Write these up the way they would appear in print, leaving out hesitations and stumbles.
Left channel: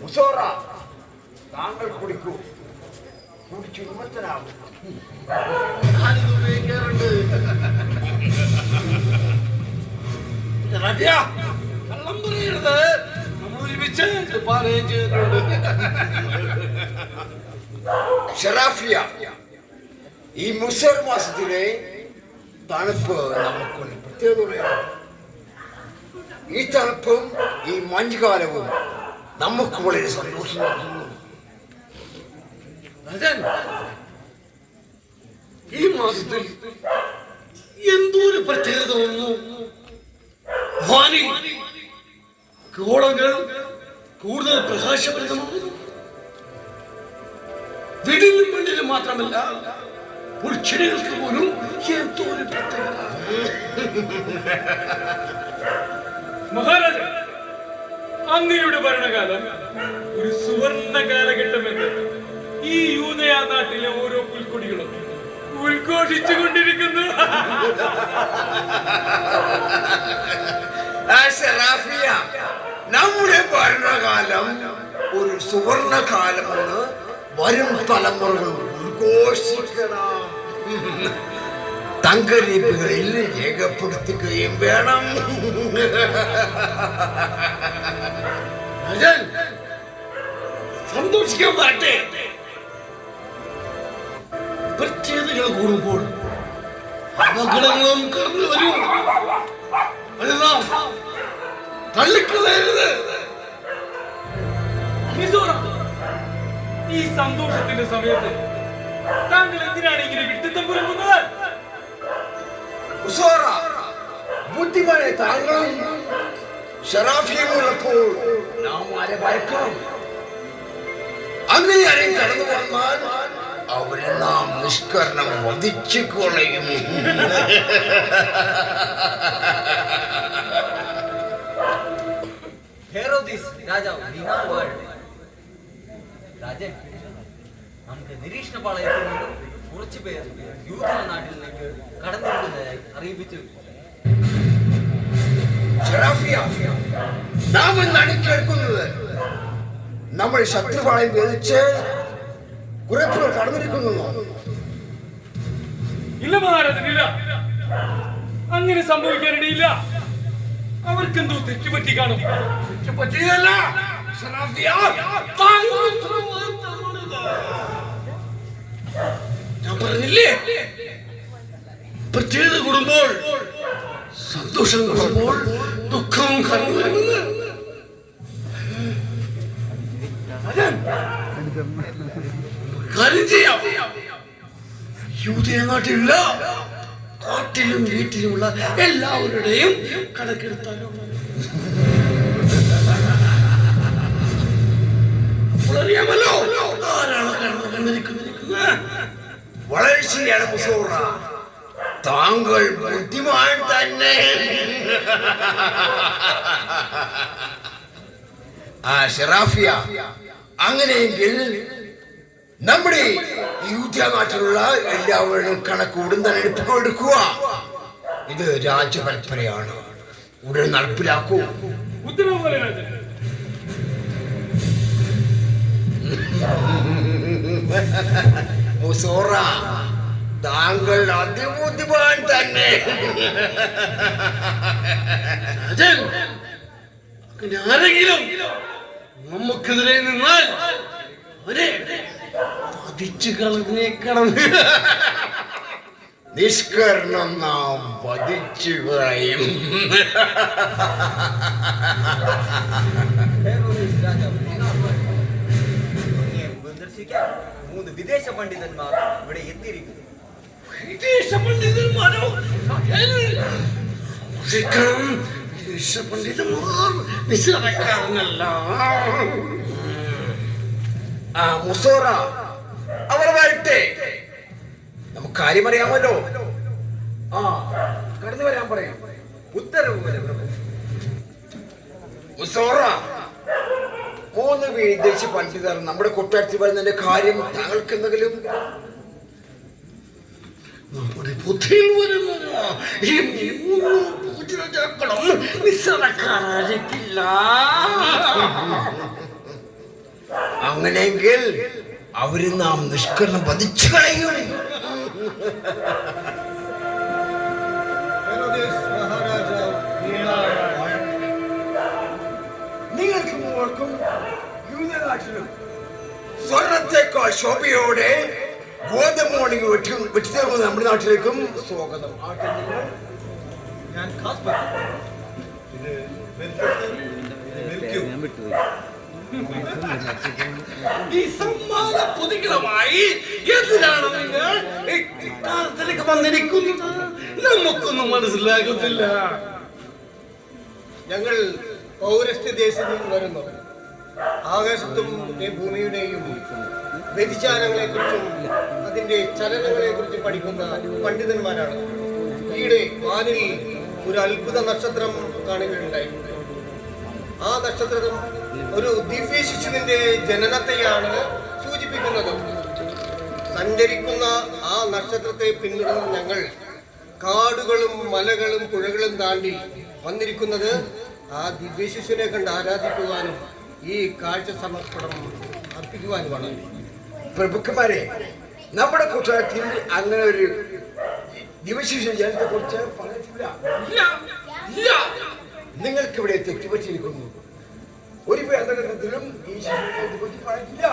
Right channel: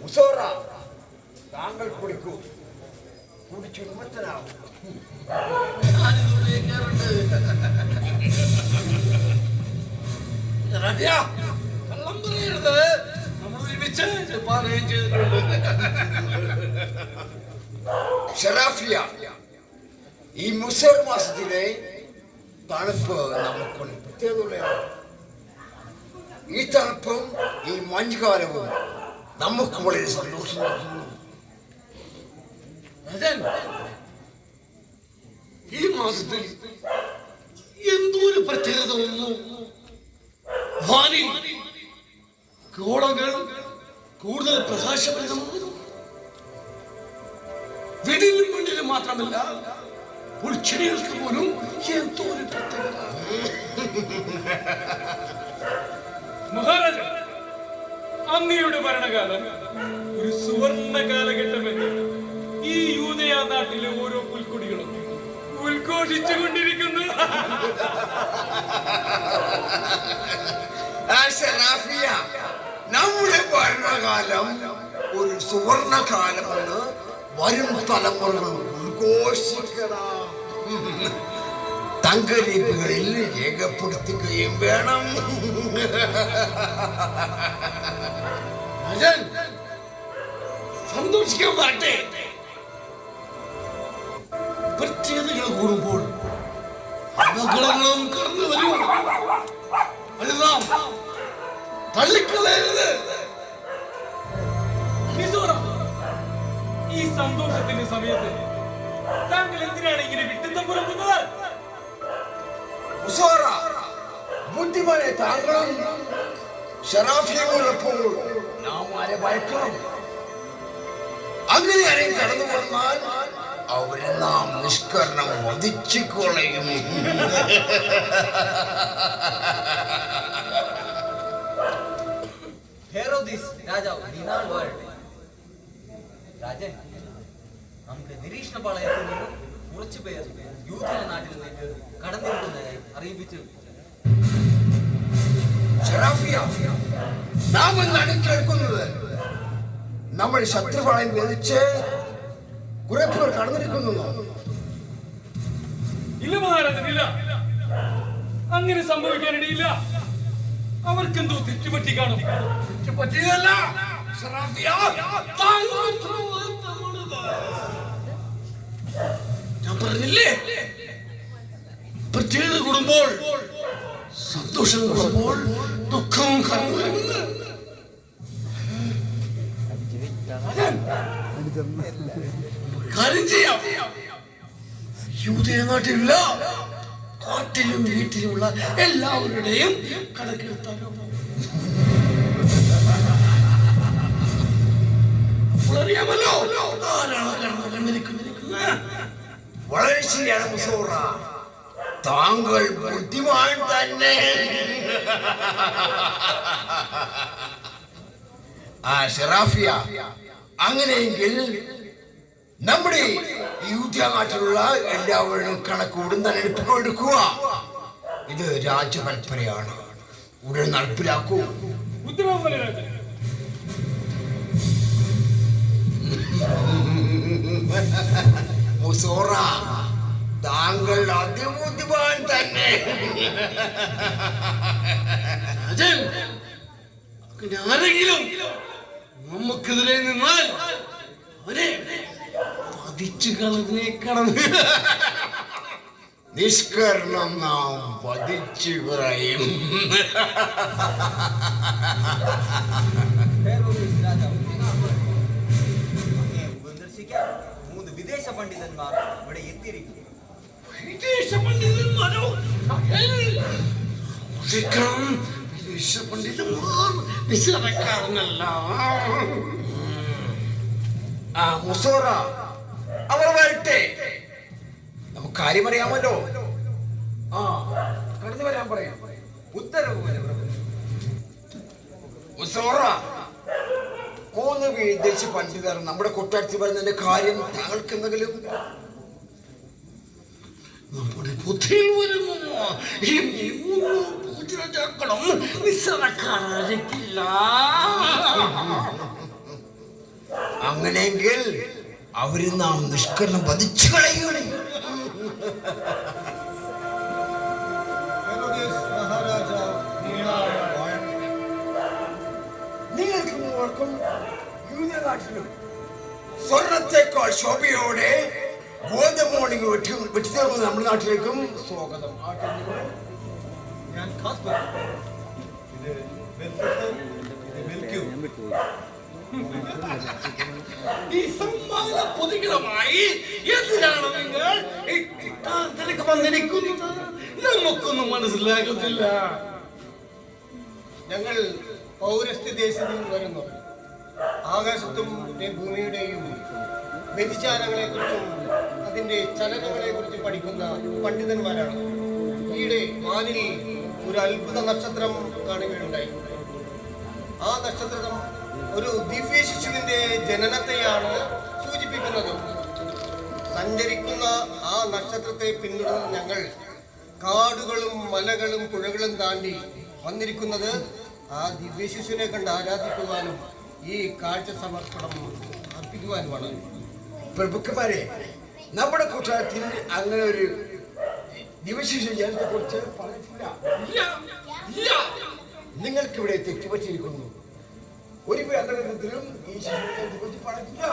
മുസോറ താങ്കൾ കുടിക്കൂ, കുടിച്ചു വിമത്തനാകും. കള്ളം പറയരുത്, നമ്മൾ ഒരുമിച്ച് പാലയം ചെയ്തിട്ടുണ്ട്. ഷറാഫിയ, ഈ മുസർ മാസത്തിലെ തണുപ്പ് നമുക്കൊരു പ്രത്യേകതയാണ്. ഈ തണുപ്പും ഈ മഞ്ഞുകാലവും നമുക്ക് വളരെ സന്തോഷം നൽകുന്നു. ഈ മാസത്തിൽ എന്തോ ഒരു പ്രത്യേകത തോന്നുന്നു. വാനിൽ ഗോളങ്ങൾ കൂടുതൽ പ്രകാശപ്രദമാണ്. വീടിനും മണ്ണിലും മാത്രമല്ല, ചെടികൾക്ക് പോലും എന്തോ ഒരു പ്രത്യേകത. മഹാരാജ, അങ്ങയുടെ ഭരണകാലം ഒരു സുവർണ കാലഘട്ടമെന്ന് ഈ യൂദയ നാട്ടിലെ ഓരോ പുൽക്കൊടികളും ഉദ്ഘോഷിച്ചുകൊണ്ടിരിക്കുന്നു. നമ്മുടെ ഭരണകാലം ഒരു സുവർണ കാലമെന്ന് വരും തലമുറകൾ ഉദ്ഘോഷിക്കണം, തങ്കലിപികളിൽ രേഖപ്പെടുത്തുകയും വേണം. സന്തോഷിക്കാൻ പാട്ടെ. പ്രത്യേകതകൾ കൂടുമ്പോൾ അപകടങ്ങളും കടന്നു വരും. അത് നാം തള്ളിക്കളയരുത്. ഈ സന്തോഷത്തിന്റെ സമയത്ത് താങ്കൾ എന്തിനാണ് ഇങ്ങനെ വിട്ടിത്തം പുറക്കുന്നത്? ബുദ്ധിമാനെ, താങ്കളും ഷറാഫിയുള്ളപ്പോൾ നാം ആരെ ഭയക്കണം? അങ്ങനെ ആരെയും കടന്നു വന്നാൽ അവരെ നാം നിഷ്കരണം വധിച്ചു കൊളയും. രാജൻ, നമുക്ക് നിരീക്ഷണ പാളയത്തിൽ നിന്നും കുറച്ചു പേർ യൂത നാട്ടിലേക്ക് കടന്നിരിക്കുന്നതായി അറിയിപ്പിച്ചു. നാം എന്നാണ് കേൾക്കുന്നത്? നമ്മൾ ശത്രുപാളയം വേദിച്ച് കുറെ പേർ കടന്നിരിക്കുന്നു. ഇല്ല മഹാരാജനില്ല, അങ്ങനെ സംഭവിക്കാനിടയില്ല. അവർക്കെന്തോ തെറ്റുപറ്റി കാണും. തെറ്റുപറ്റിയതല്ല, ഞാൻ പറഞ്ഞില്ലേ, പ്രത്യേകത കൂടുമ്പോൾ സന്തോഷം കൂടുമ്പോൾ ദുഃഖം കടന്നു വരുന്നത്. കാര്യം ചെയ്യാം. യൂദയ നാട്ടിലുള്ള കാട്ടിലും വീട്ടിലുമുള്ള എല്ലാവരുടെയും കണക്കെടുത്താലോ? അറിയാമല്ലോ ആരാണ് കടന്നു വന്നിരിക്കുന്നത്. വളരെ ശരിയാണ് മുസോറ, താങ്കൾ ബുദ്ധിമാൻ തന്നെ. ഷറാഫിയ, അങ്ങനെയെങ്കിൽ നമ്മുടെ യൂദയ നാട്ടിലുള്ള എല്ലാവരുടെയും കണക്ക് ഉടൻ തന്നെ എടുക്കുക. ഇത് രാജകൽപ്പനയാണ്, ഉടൻ നടപ്പിലാക്കൂ. ഉത്തരവ് പോലെ രാജൻ. മുസോറ, താങ്കൾ അതിബുദ്ധിമാൻ തന്നെ. ആരെങ്കിലും നമുക്കെതിരെ നിന്നാൽ അവരെ പതിച്ചു കളഞ്ഞേക്കണം. നിഷ്കരണം നാം വധിച്ചു കളയും. സന്ദർശിക്കാൻ 3 വിദേശ പണ്ഡിതന്മാർ ഇവിടെ എത്തിയിരിക്കുന്നു. വിദേശ പണ്ഡിതന്മാരോ? വിദേശ പണ്ഡിതന്മാർ നിസ്സാരക്കാരനല്ല. മുസോറ, അവർ വരട്ടെ, നമുക്ക് കാര്യം അറിയാമല്ലോ. കടന്നു വരാൻ പറയാം. ഉത്തരവ് പോലെ പ്രഭു. മുസോറ, 3 വിദേശ പണ്ഡിതർ നമ്മുടെ കൊട്ടാരത്തിൽ വരുന്നതിന്റെ കാര്യം താങ്കൾക്ക് എന്തെങ്കിലും? നമ്മുടെ ബുദ്ധിയിൽ വരുന്നു. ഈ 3 പൂജകളും നിസ്സാരക്കാരായിരിക്കില്ല. അങ്ങനെയെങ്കിൽ അവര് നാം നിഷ്കരണം വധിച്ചു കളയുകയാണ്. നിങ്ങൾക്ക് മൂവർക്കും യൂതനാട്ടിലും സ്വർണത്തെക്കാൾ ശോഭയോടെ ഗോതമ്പോണിക്ക് വെട്ടിത്തീർക്കുന്ന നമ്മുടെ നാട്ടിലേക്കും സ്വാഗതം. ഞാൻ ഖാസ് ഇത് ഈ സമ്മാന പൊതികളുമായി എന്തിനാണ് നിങ്ങൾ ഇക്കാലത്തിലേക്ക് വന്നിരിക്കുന്നത്? നമുക്കൊന്നും മനസ്സിലാകത്തില്ല. ഞങ്ങൾ പൗരസ്ത്യ ദേശത്തു നിന്ന് വരുന്നു. ആകാശത്തും ഭൂമിയുടെയും വ്യതിചാരങ്ങളെ കുറിച്ചും അതിന്റെ ചലനങ്ങളെ കുറിച്ചും പഠിക്കുന്ന പണ്ഡിതന്മാരാണ്. ഈയിടെ വാനിൽ ഒരു അത്ഭുത നക്ഷത്രം കാണുകയുണ്ടായി. ആ നക്ഷത്രം ഒരു ദിവ്യ ശിശുവിന്റെ ജനനത്തെയാണ് സൂചിപ്പിക്കുന്നത്. സഞ്ചരിക്കുന്ന ആ നക്ഷത്രത്തെ പിന്തുടർന്ന് ഞങ്ങൾ കാടുകളും മലകളും പുഴകളും താണ്ടി വന്നിരിക്കുന്നത് ആ ദിവ്യ ശിശുവിനെ കണ്ട് ആരാധിക്കുവാനും ഈ കാഴ്ച സമർപ്പണം അർപ്പിക്കുവാനുമാണ്. പ്രഭുക്കന്മാരെ, നമ്മുടെ കൂട്ടാരത്തിൽ അങ്ങനെ ഒരു ദിവശിശു ജനത്തെ കുറിച്ച് പറഞ്ഞിട്ടില്ല. നിങ്ങൾക്കിവിടെ തെറ്റുപറ്റിയിരിക്കുന്നു. ഒരു വേദനത്തിലും ഈ ശിശുവിനെ കുറിച്ച് പറഞ്ഞിട്ടില്ല.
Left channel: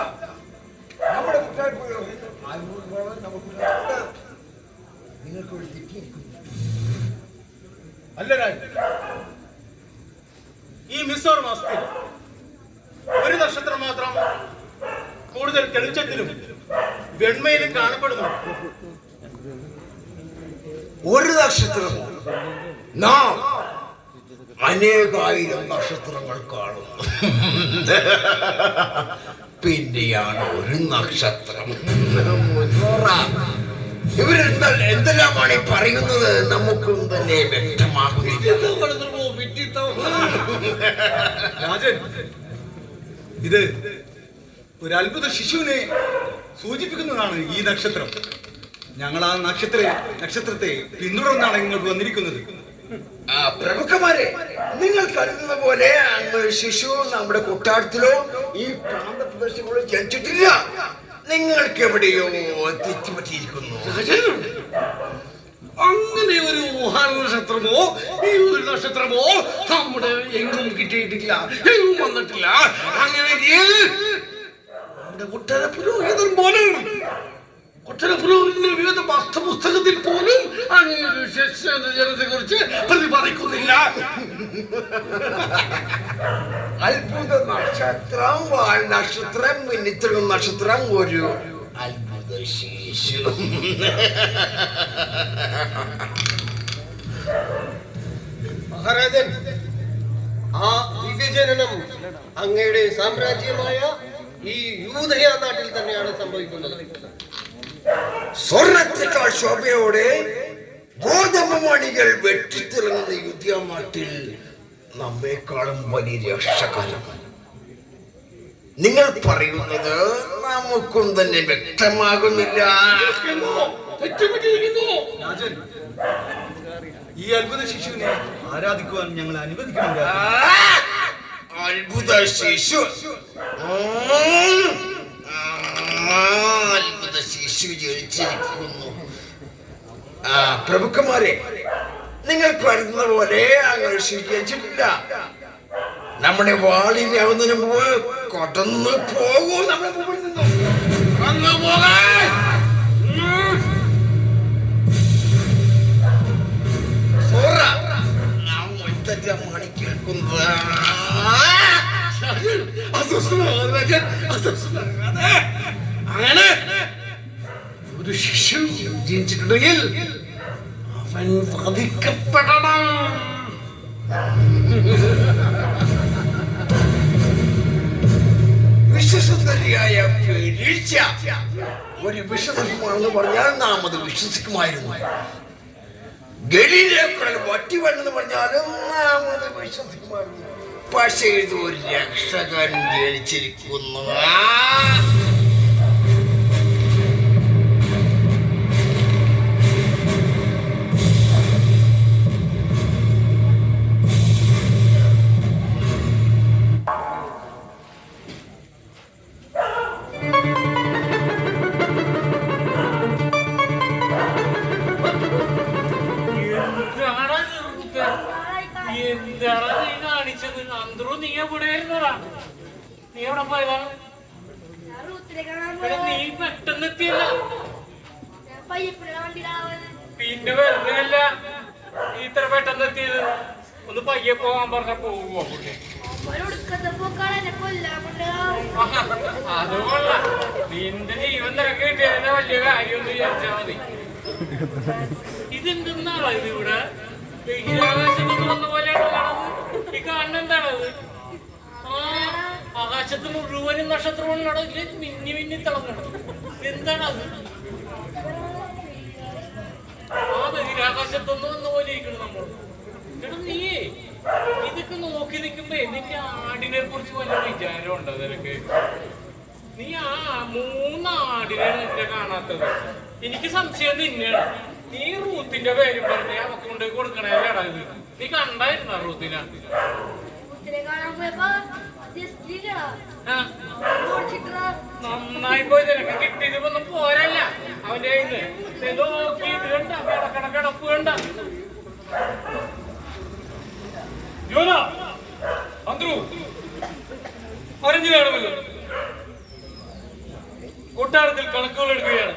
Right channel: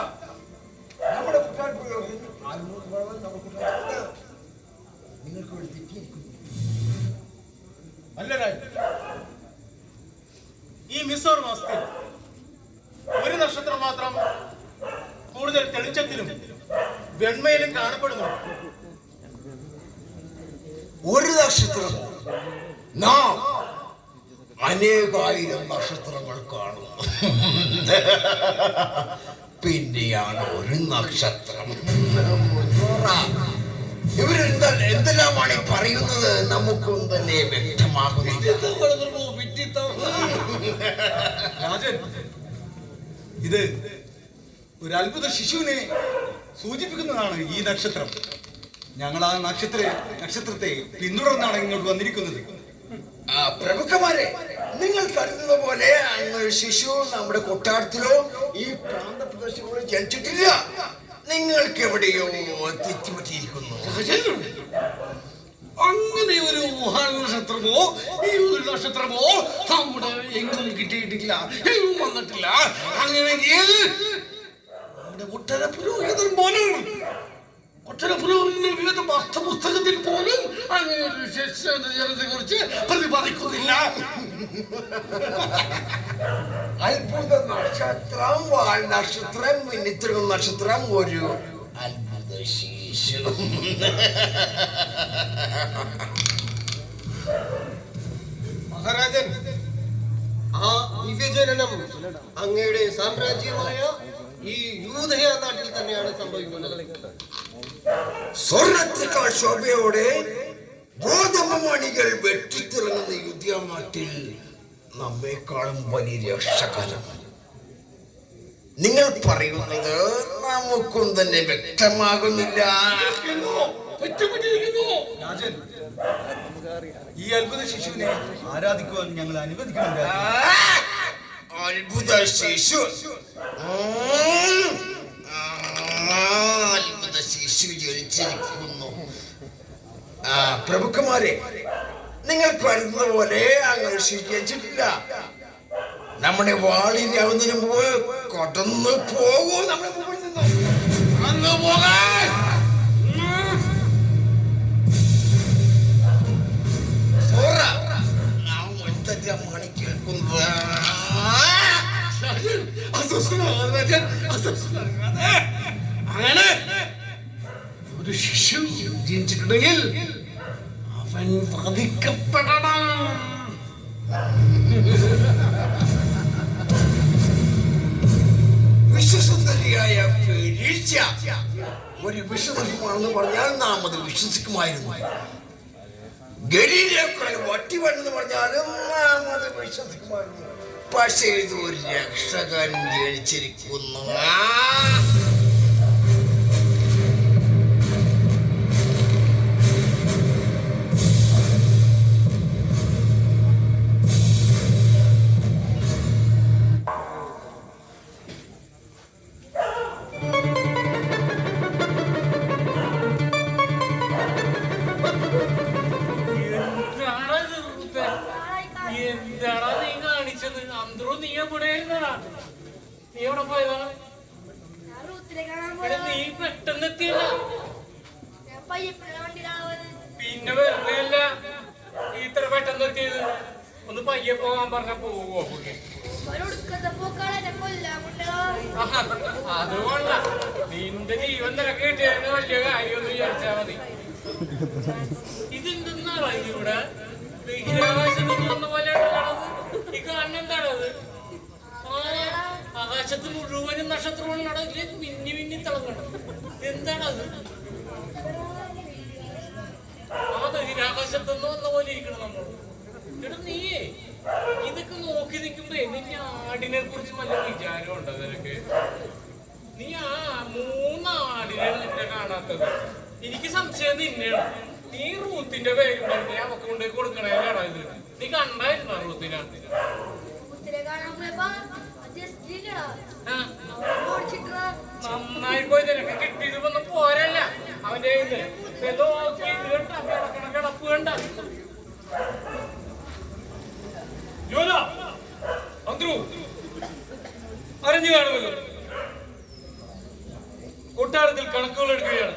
നമ്മുടെ കൂട്ടാരത്തിൽ നിങ്ങൾക്ക് ഇവിടെ തെറ്റിയിരിക്കുന്നു. അല്ല രാജൻ, ഈ മിസോർ മാസത്തിൽ ഒരു നക്ഷത്രം മാത്രം കൂടുതൽ തെളിച്ചത്തിലും വെണ്മയിലും കാണപ്പെടുന്നു. ഒരു നക്ഷത്രം നാം അനേകായിരം നക്ഷത്രങ്ങൾ കാണും. പിന്നെയാണ് ഒരു നക്ഷത്രം. എന്തെല്ലാമാണ് ഈ പറയുന്നത് നമുക്കും തന്നെ വ്യക്തമാകുന്നില്ല. രാജൻ, ഇത് ഒരു അത്ഭുത ശിശുവിനെ സൂചിപ്പിക്കുന്നതാണ് ഈ നക്ഷത്രം. ഞങ്ങൾ ആ നക്ഷത്രത്തെ പിന്തുടർന്നാണ് ഇങ്ങോട്ട് വന്നിരിക്കുന്നത്. പ്രമുഖന്മാരെ, നിങ്ങൾ കരുതുന്ന പോലെ അങ്ങ് ശിശു നമ്മുടെ കൊട്ടാരത്തിലോ ഈ പ്രാന്തപ്രദേശങ്ങളോ ജനിച്ചിട്ടില്ല. നിങ്ങൾക്ക് എവിടെയോ തെറ്റുപറ്റിയിരിക്കുന്നു. അങ്ങനെ ഒരു നക്ഷത്രമോ ഈ ഒരു നക്ഷത്രമോ നമ്മുടെ എങ്ങും കിട്ടിയിട്ടില്ല, എങ്ങും വന്നിട്ടില്ല. അങ്ങനെ നമ്മുടെ കൊട്ടാര പുരോഹിതൻ പോലും കൊട്ടാരപുരോഹിതന്റെ വിവിധ പാഠ്യപുസ്തകത്തിൽ പോലും അങ്ങനെ ഒരു ജനത്തെ കുറിച്ച് പ്രതിപാദിക്കുന്നില്ല. അത്ഭുത നക്ഷത്രം, വാൽ നക്ഷത്രം, മിന്നിത്തിരുന്ന നക്ഷത്രം, ഒരു അത്ഭുത ശിശു. മഹാരാജൻ, ആ ദിവ്യജനനം അങ്ങയുടെ സാമ്രാജ്യമായ ഈ യൂദയ നാട്ടിൽ തന്നെയാണ് സംഭവിക്കുന്നത്. സ്വർണത്തെക്കാൾ ശോഭയോടെ ഗോതമ്പ് മണികൾ വെട്ടിത്തിളങ്ങുന്ന യൂദയ നാട്ടിൽ നമ്മെക്കാളും വലിയ രക്ഷകരം. നിങ്ങൾ പറയുന്നത് നമുക്കും തന്നെ വ്യക്തമാകുന്നില്ല. രാജൻ, ഈ അത്ഭുത ശിശുവിനെ ആരാധിക്കുവാൻ ഞങ്ങൾ അനുവദിക്കണം. അത്ഭുത ശിശു, അത്ഭുത ശിശു ജനിച്ചിരിക്കുന്നു. പ്രഭുക്കന്മാരെ, നിങ്ങൾ കരുതുന്ന പോലെ അങ്ങനെ ശിക്ഷിച്ചിട്ടില്ല. നമ്മുടെ വാളിനെ അവന്നിന് മുമ്പ് കടന്നു പോകൂ. നമ്മുടെ മുമ്പിൽ നിന്നും അങ്ങ് പോകാൻ മണി കേൾക്കുന്നത് അങ്ങനെ ഒരു ശിശു ജനിച്ചിട്ടുണ്ടെങ്കിൽ അവൻ വധിക്കപ്പെടണം. വിശ്വസുന്ദരിയായ വീഴ്ച ഒരു വിശ്വസമാണെന്ന് പറഞ്ഞാൽ നാം അത് വിശ്വസിക്കുമായിരുന്നു. ഗലീലയേക്കാൾ വട്ടി വേണ്ടെന്ന് പറഞ്ഞാലും നാം അത് വിശ്വസിക്കുമായിരുന്നു. പക്ഷേ ഇത് ഒരു രക്ഷകൻ ജനിച്ചിരിക്കുന്നു. ഇരുന്നോടാ. നീ എവിടെ പോയതാ? എടാ, നീ പെട്ടെന്ന് എത്തിയല്ല. പിന്നെ വെറുതെ അല്ല നീ ഇത്ര പെട്ടെന്ന് എത്തിയത്. ഒന്ന് പയ്യെ പോകാൻ പറഞ്ഞ പോവോ പുള്ളി? അത് കൊള്ളാം. നിന്റെ ജീവൻ നിനക്ക് കിട്ടിയതിന്റെ വലിയ കാര്യമൊന്നും വിചാരിച്ചാ മതി. ഇതെന്തെന്നാണ് ഇവിടെ ബഹിരാകാശത്ത് വന്ന പോലെയാണ് കാണുന്നത്. ഈ കാണുന്ന എന്താണത്? ആ ആകാശത്ത് മുഴുവനും നക്ഷത്രങ്ങളാണ് മിന്നി മിന്നി തിളങ്ങണം. എന്താണത്? ആ ബഹിരാകാശത്തൊന്നും വന്ന പോലെ ഇരിക്കണം നമ്മൾ. എടാ നീയേ ഇതൊക്കെ നോക്കി നിൽക്കുമ്പോ നിന്റെ ആടിനെ കുറിച്ച് വല്ല വിചാരം ഉണ്ടോ നിനക്ക്? നീ ആ 3 ആടിനെ നിന്നെ കാണാത്തത്. എനിക്ക് സംശയം തന്നെയാണ്. നീ റൂത്തിന്റെ പേരും പറഞ്ഞ് നമുക്ക് കൊണ്ടേ കൊടുക്കണേടാ ഇത്. നീ കണ്ടായിരുന്ന റൂത്തിനെ? നന്നായി പോയി. നിനക്ക് കിട്ടിയത് ഒന്നും പോരല്ല അവന്റെ കയ്യിന്ന്. നോക്കി ഇത് കണ്ട കിടപ്പ് കണ്ട. അറിഞ്ഞു കാണുമല്ലോ, കൊട്ടാരത്തിൽ കണക്കുകൾ എടുക്കുകയാണ്.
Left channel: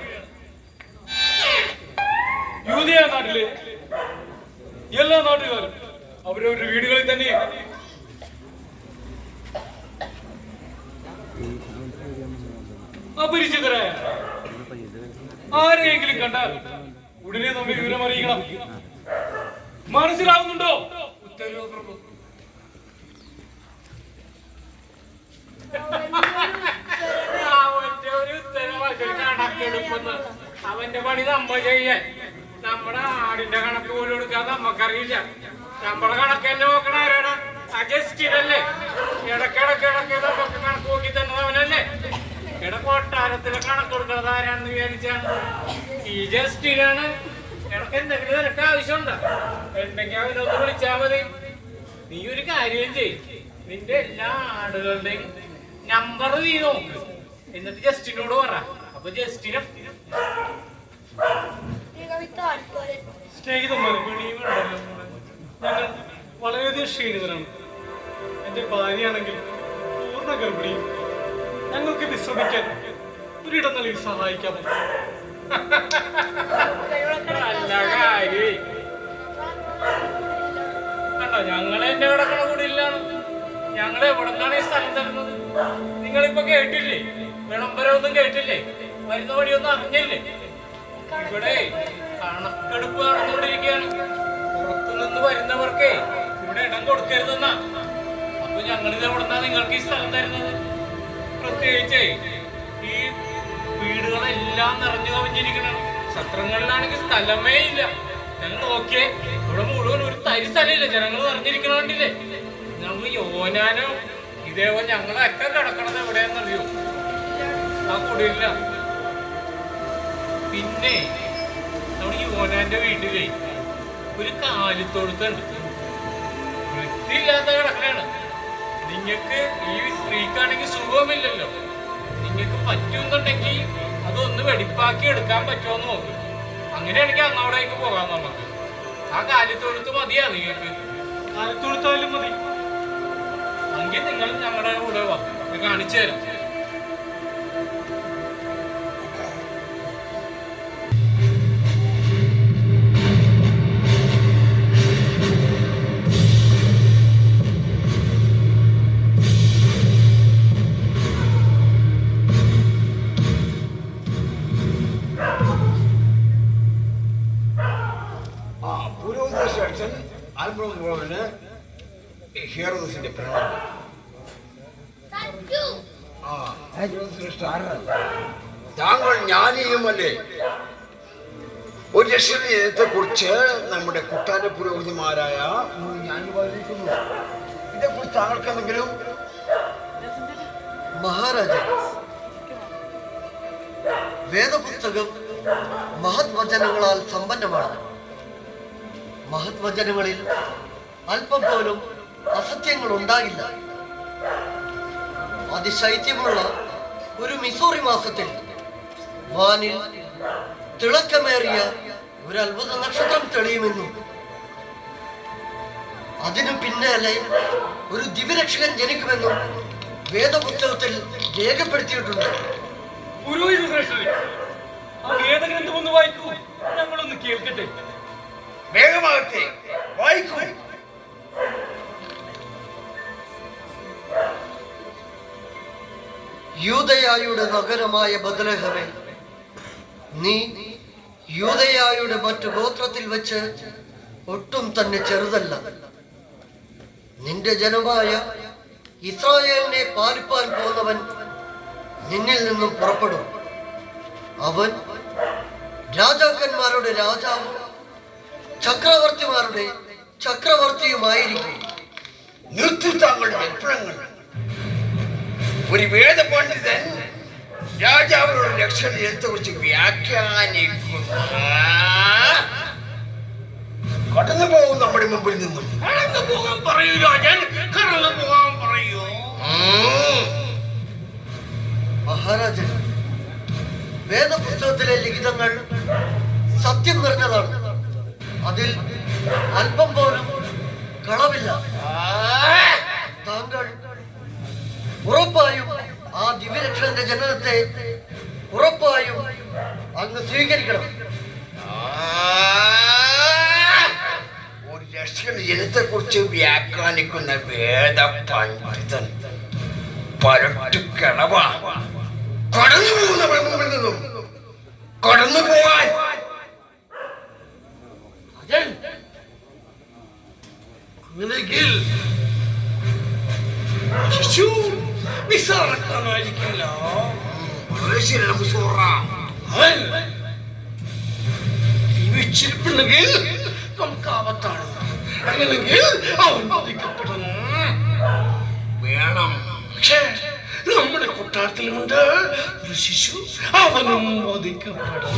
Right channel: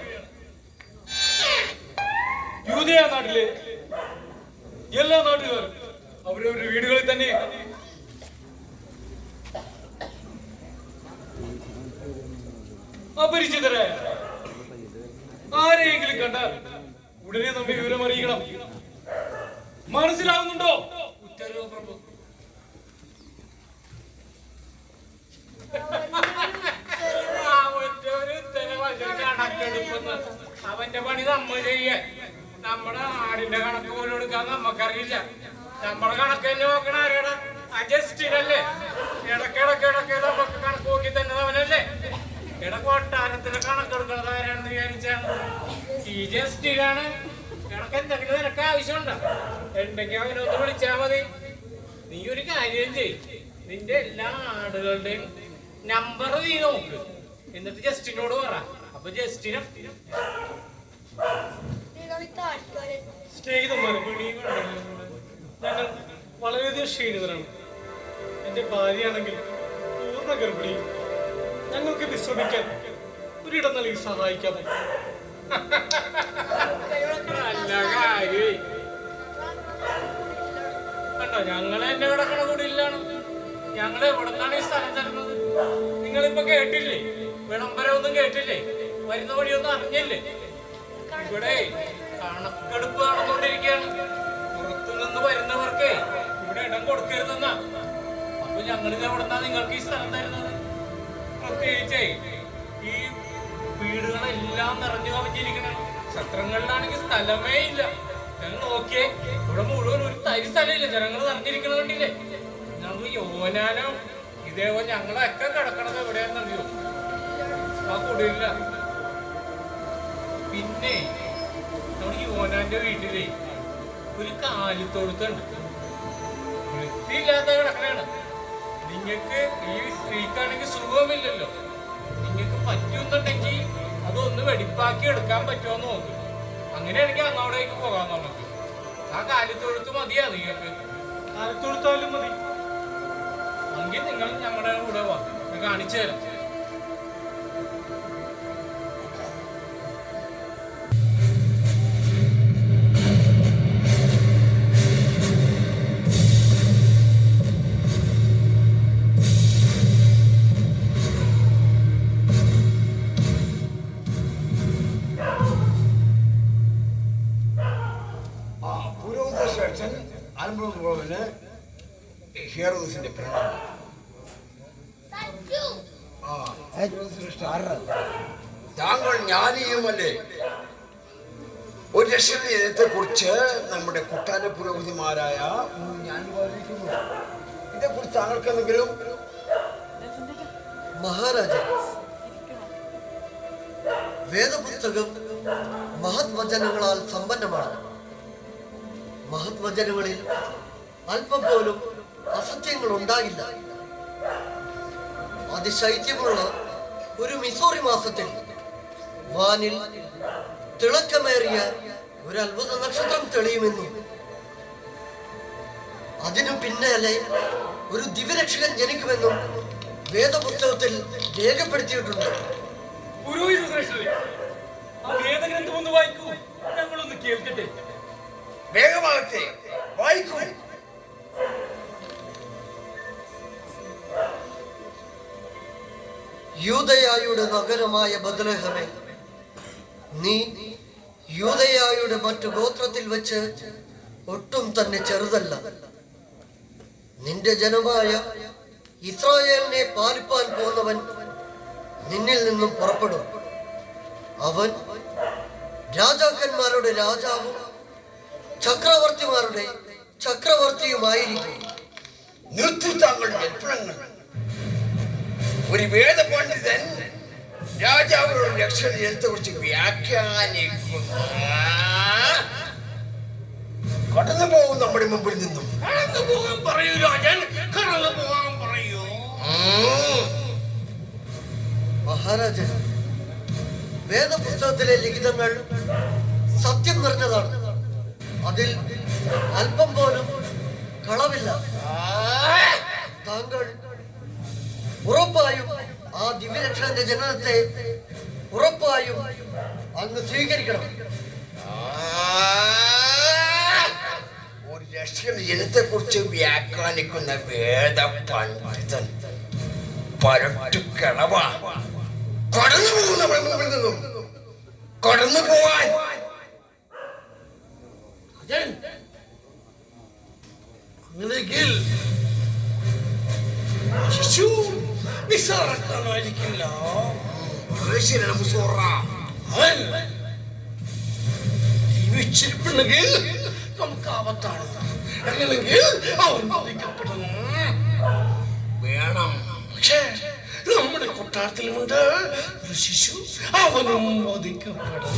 യൂദയ നാട്ടിലെ എല്ലാ നാട്ടുകാരും അവരവരുടെ വീടുകളിൽ തന്നെ അപരിചിതരായ ആരെയെങ്കിലും കണ്ടാൽ ഉടനെ നമ്മെ വിവരം അറിയിക്കണം. മനസ്സിലാവുന്നുണ്ടോ? അവന്റെ പണി നമ്മൾ ചെയ്യാൻ. നമ്മുടെ ആടിന്റെ കണക്ക് പോലും എടുക്കാൻ നമ്മക്കറിയില്ല. നമ്മുടെ കണക്ക് തന്നെ നോക്കണ ആരോടാ? അജസ്റ്റിനല്ലേ? ഇടക്കിടക്ക് നമുക്ക് കണക്ക് നോക്കി തന്നെ അവനല്ലേ? കൊട്ടാരത്തിലെ കണക്കെടുക്കുന്നത് ആരാണെന്ന് വിചാരിച്ചാണ്? ഈ ജസ്റ്റിനാണ്. ഇടക്ക് എന്തെങ്കിലും നിനക്ക് ആവശ്യമുണ്ടോ? ഉണ്ടെങ്കിൽ അവനൊന്ന് വിളിച്ചാ മതി. നീ ഒരു കാര്യം ചെയ്യും, നിന്റെ എല്ലാ ആടുകളുടെയും നമ്പർ നീ നോക്ക്, എന്നിട്ട് ജസ്റ്റിനോട് പറ. അപ്പൊ ജസ്റ്റിനും സ്നേഹിതന്മാരെ ഞങ്ങൾ വളരെയധികം ക്ഷീണിതരാണ്. എന്റെ ഭാര്യയാണെങ്കിൽ പൂർണ്ണ ഗർഭിണിയും. ഞങ്ങൾക്ക് വിശ്രമിക്കാൻ ഒരിടം നൽകി സഹായിക്കാമോ? നല്ല കാര്യം. കണ്ടോ, ഞങ്ങൾ എന്റെ കിടക്കണ കൂടിയില്ലാണ്. ഞങ്ങൾ എവിടെന്നാണ് ഈ സ്ഥലം തരുന്നത്? നിങ്ങളിപ്പോ കേട്ടില്ലേ? വിളംബരമൊന്നും കേട്ടില്ലേ? വരുന്ന വഴിയൊന്നും അറിഞ്ഞില്ലേ? ഇവിടെ കണക്കെടുപ്പ് നടന്നുകൊണ്ടിരിക്കുകയാണ്. പുറത്തുനിന്ന് വരുന്നവർക്കേ ഇവിടെ ഇടം കൊടുക്കരുതെന്നാ. അപ്പൊ ഞങ്ങളിത് എവിടെന്നാ നിങ്ങൾക്ക് ഈ സ്ഥലം തരുന്നത്? പ്രത്യേകിച്ച് ഈ വീടുകളെല്ലാം നിറഞ്ഞു കവിഞ്ഞിരിക്കണം. സത്രങ്ങളിലാണെങ്കിൽ സ്ഥലമേ ഇല്ല. ഞങ്ങൾ നോക്കിയേ, ഇവിടെ മുഴുവൻ ഒരു തരി സ്ഥലമില്ല. ജനങ്ങൾ നിറഞ്ഞിരിക്കണോണ്ടില്ലേ? ഞങ്ങൾ യോനാനോ ഇതേപോലെ ഞങ്ങളൊക്കെ കിടക്കണത് എവിടെയാണെന്നറിയോ? ആ കുടിയില്ല. പിന്നെ നമ്മുടെ യോനാന്റെ വീട്ടിലേ ഒരു കാലിത്തൊഴുത്തുണ്ട്. വൃത്തിയില്ലാത്ത കിടക്കണാണ്. നിങ്ങക്ക് ഈ സ്ത്രീക്കാണെങ്കിൽ സുഖമില്ലല്ലോ. നിങ്ങൾക്ക് പറ്റുന്നുണ്ടെങ്കിൽ അതൊന്ന് വെടിപ്പാക്കി എടുക്കാൻ പറ്റുമോ നോക്ക്. അങ്ങനെയാണെങ്കിൽ അങ്ങോട്ടേക്ക് പോകാം നമുക്ക്. ആ കാലിത്തൊഴുത്ത് മതിയാ നിങ്ങൾക്ക്? കാലിത്തൊഴുത്തായാലും മതി. എങ്കിൽ നിങ്ങൾ ഞങ്ങളുടെ കൂടെ വാ, കാണിച്ചു തരാം. ഹീറോസിന്റെ പ്രണയം. താങ്കൾ ജ്ഞാനിയുമല്ലേ? ഒരു ലക്ഷ്യത്തെ കുറിച്ച് നമ്മുടെ കൊട്ടാര പുരോഹിതന്മാരായ ജ്ഞാനിമാരിക്കുന്നു. ഇതേക്കുറിച്ച് താങ്കൾക്ക് എന്തെങ്കിലും? മഹാരാജ, വേദപുസ്തകം മഹത് വചനങ്ങളാൽ സമ്പന്നമാണ്. മഹത് വചനങ്ങളിൽ അല്പം പോലും അസത്യങ്ങൾ ഉണ്ടാകില്ല. അതിശൈത്യമുള്ള ഒരു മിസോറി മാസത്തിൽ വാനിൽ തിളക്കമേറിയ ഒരു അത്ഭുത നക്ഷത്രം തെളിയുമെന്നും അതിനു പിന്നാലെ ഒരു ദിവ്യരക്ഷകൻ ജനിക്കുമെന്നും വേദപുസ്തകത്തിൽ രേഖപ്പെടുത്തിയിട്ടുണ്ട്. പുരോഹിത ശ്രേഷ്ഠരെ, ആ വേദഗ്രന്ഥം ഒന്ന് വായിക്കൂ, ഞങ്ങളൊന്ന് കേൾക്കട്ടെ. വേഗമാകട്ടെ, വായിക്കൂ. യൂദയായുടെ നഗരമായ ബത്ലഹേമേ, നീ യൂദയായുടെ മറ്റു ഗോത്രത്തിൽ വെച്ച് ഒട്ടും തന്നെ ചെറുതല്ല. നിന്റെ ജനമായ ഇസ്രായേലിനെ പാലിപ്പാൻ പോകുന്നവൻ നിന്നിൽ നിന്നും പുറപ്പെടും. അവൻ രാജാക്കന്മാരുടെ രാജാവും ചക്രവർത്തിമാരുടെ ചക്രവർത്തിയുമായിരിക്കും. നിർത്തി താങ്കളുടെ വിപ്ലവങ്ങൾ. ഒരു വേദപണ്ഡിതൻ രാജാവിനോട് ലക്ഷണത്തെ കുറിച്ച് വ്യാഖ്യാനിക്കുന്ന കടന്നു പോകും നമ്മുടെ മുമ്പിൽ നിന്നും. കടന്നു പോകാൻ പറയൂ രാജൻ, കടന്നു പോകാൻ പറയൂ. മഹാരാജൻ, വേദപുസ്തകത്തിലെ ലിഖിതങ്ങൾ സത്യം നിറഞ്ഞതാണ്. അതിൽ അല്പം പോലും കളവില്ല. താങ്കൾ ഉറപ്പായും ആ ദിവ്യരക്ഷകന്റെ ജനനത്തെ ഉറപ്പായും അങ്ങ് സ്വീകരിക്കണം. ഒരു രക്ഷകന്റെ ജനത്തെ കുറിച്ച് വ്യാഖ്യാനിക്കുന്ന വേദ പണ്ഡിതൻ പരട്ടു കിളവാ. കടന്നു പോകും നമ്മുടെ മുമ്പിൽ നിന്നും. കടന്നു പോവാൻ രാജൻ, അങ്ങനെയെങ്കിൽ ശിശു നിസ്സാരക്കാരനായിരിക്കില്ല. അവൻ ജീവിച്ചിരിപ്പുണ്ടെങ്കിൽ നമുക്ക് ആപത്താണ്. അങ്ങനെയെങ്കിൽ അവൻ ബാധിക്കപ്പെടുന്നു. വേണം. പക്ഷേ നമ്മുടെ കൊട്ടാരത്തിലുമുണ്ട് ഒരു ശിശു, അവനും ബാധിക്കപ്പെടും.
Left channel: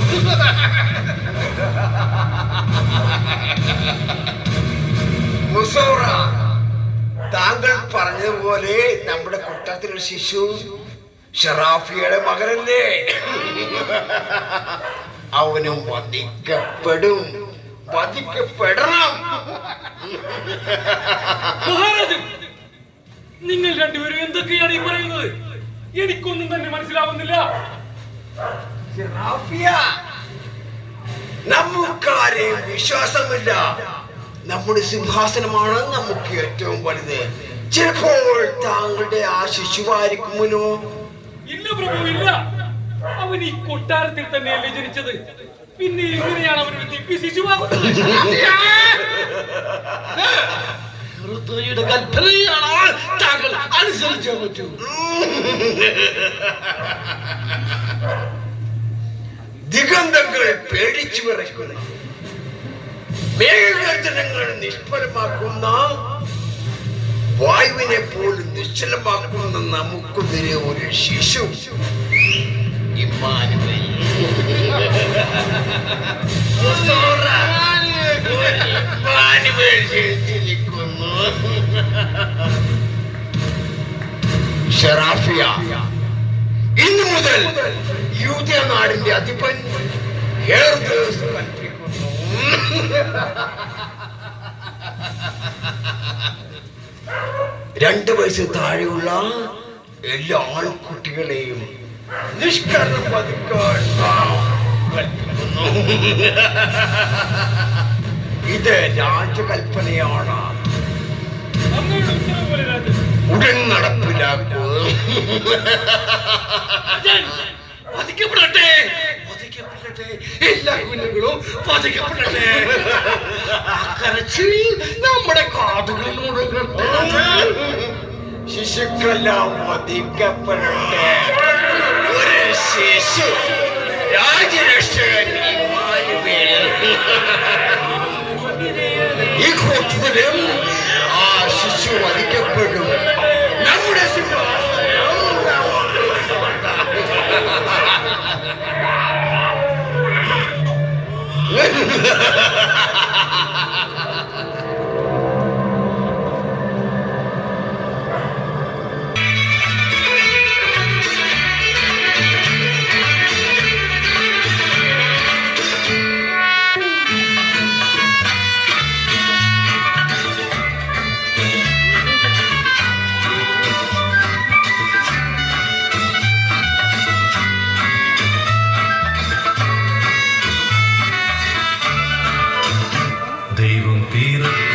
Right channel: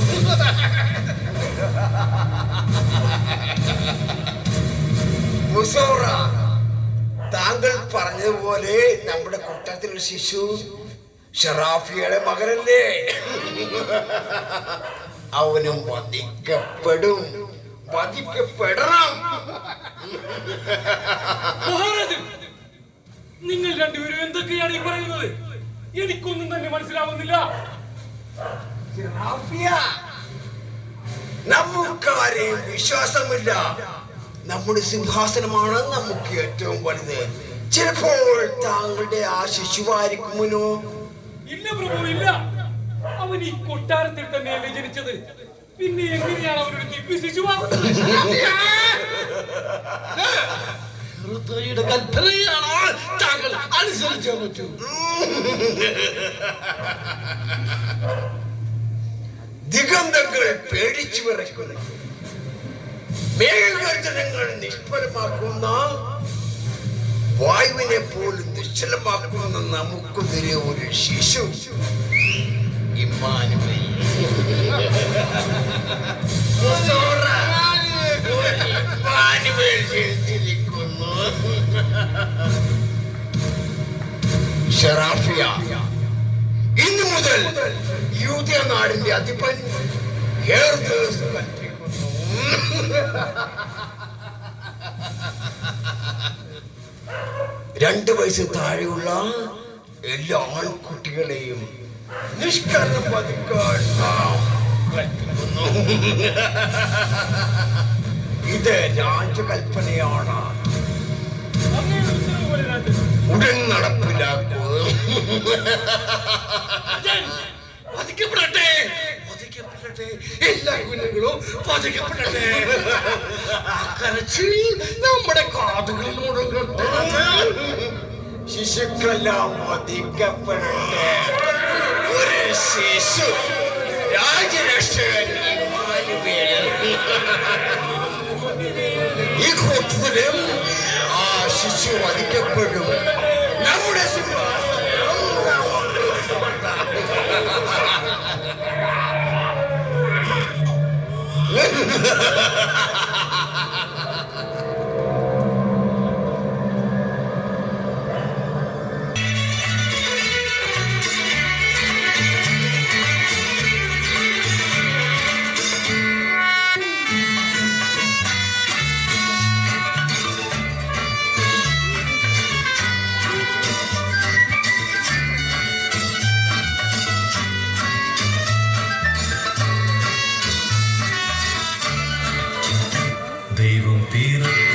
മുസോറ, താങ്കൾ പറഞ്ഞതുപോലെ നമ്മുടെ കൊട്ടാരത്തിലുള്ള ശിശു ഷറാഫിയുടെ മകനല്ലേ? അവനും വധിക്കപ്പെടും. വധിക്കപ്പെടണം. മഹാരാജൻ, നിങ്ങൾ രണ്ടുപേരും എന്തൊക്കെയാണ് ഈ പറയുന്നത്? എനിക്കൊന്നും തന്നെ മനസ്സിലാവുന്നില്ല. ഷറാഫിയ, നമുക്കാരെയും വിശ്വാസമില്ല. നമ്മുടെ സിംഹാസനമാണ് നമുക്ക് ഏറ്റവും വലുത്. ചിലപ്പോൾ താങ്കളുടെ ആ ശിശുവായിരിക്കുമോ? ഇല്ല പ്രഭു, ഇല്ല. അവൻ ഈ കൊട്ടാരത്തിൽ തന്നെയല്ലേ ജനിച്ചത്. പിന്നെ എങ്ങനെയാണ് അവനൊരു ദിവ്യ ശിശുവാകുന്നത്? ഋതുയുടെ കൽപ്പനയാണോ താങ്കൾ അനുസരിക്കാൻ പറ്റൂ? ദിഗന്ധങ്ങൾ പേടിച്ചു വിറയ്ക്കുന്ന, മേഘഗർജനങ്ങൾ നിഷ്ഫലമാക്കുന്ന, വായുവിനെ പോലും നിശ്ചലമാക്കുന്ന നമുക്കെതിരെ ഒരു ശിശു ഇമ്മാനുവേൽ. ഇമ്മാനുവേൽ ജനിച്ചിരിക്കുന്നു. ഷറാഫിയ, ഇന്നു മുതൽ യൂദയ നാടിന്റെ അധിപൻ ഹെറോദോസ് കൽപ്പിക്കുന്നു. 2 വയസ്സ് താഴെയുള്ള എല്ലാ ആൺകുട്ടികളെയും നിഷ്കരണം വധിക്കാൻ കൽപ്പിക്കുന്നു. ഇത് രാജകൽപ്പനയാണ്. അങ്ങയുടെ ഉത്തരവ് പോലെ രാജൻ. ഉടൻ നടപ്പിലാക്കൂ. രാജൻ, വധിക്കപ്പെടട്ടെ, വധിക്കപ്പെടട്ടെ, എല്ലാ കുഞ്ഞുങ്ങളും വധിക്കപ്പെടട്ടെ. ആ കരച്ചിൽ നമ്മുടെ കാതുകളിൽ മുടങ്ങട്ടെ. ശിശുക്കളെല്ലാം വധിക്കപ്പെടട്ടെ. ഒരു ശിശു രാജരക്ഷകൻ ഇമ്മാനുവേൽ. ഈ കൂട്ടത്തിലും ആ ശിശു വധിക്കപ്പെടും. നമ്മുടെ സിംഹാസനം തീരത്ത്